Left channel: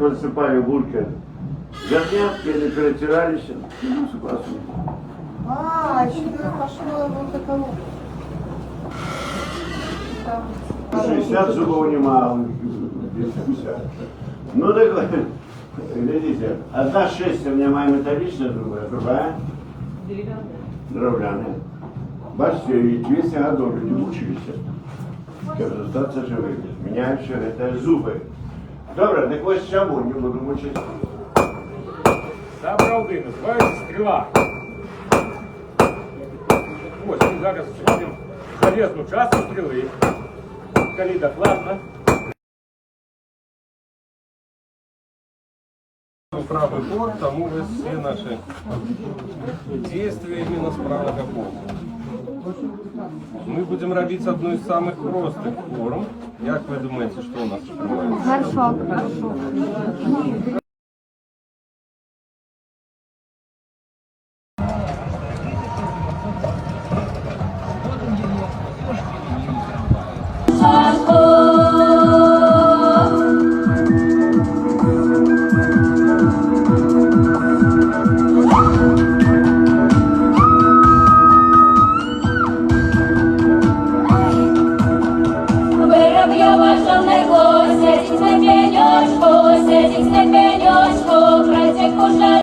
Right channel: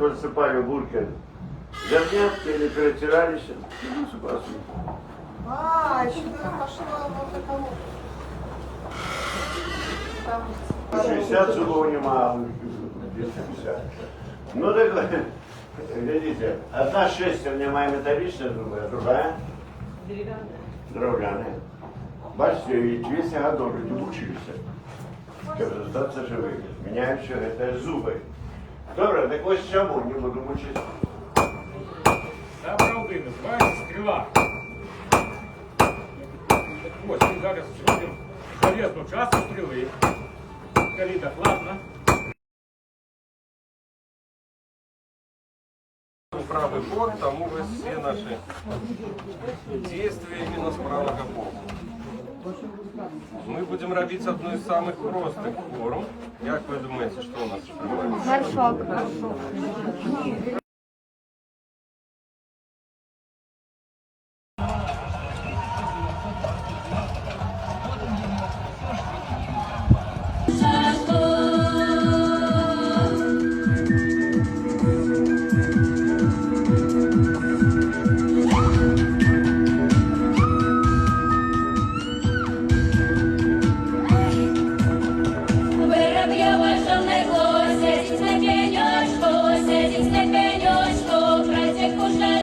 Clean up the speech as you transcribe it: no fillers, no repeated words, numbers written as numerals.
так высыпаю гулька. Зернятки, они перетирались. Ну, А, еще пошло вот это вот. 60 зубов немало. 250. Ну так, видите, одна шесть у меня моя металличная, другая дровляная. Бачите, и 200 годов люди мучились, щоб зостатися живими, міняючи зуби. Добре, так ось чому не буду мучити. Добра один, називається стріла. Ось ми зараз зробимо железну частину стріли. Коли докладно. Правый бок, тому вы все наши действия именно с правого бока. Мы будем робить одну из самых простых форм. Как вы думаете, что у нас открывается? Горшок.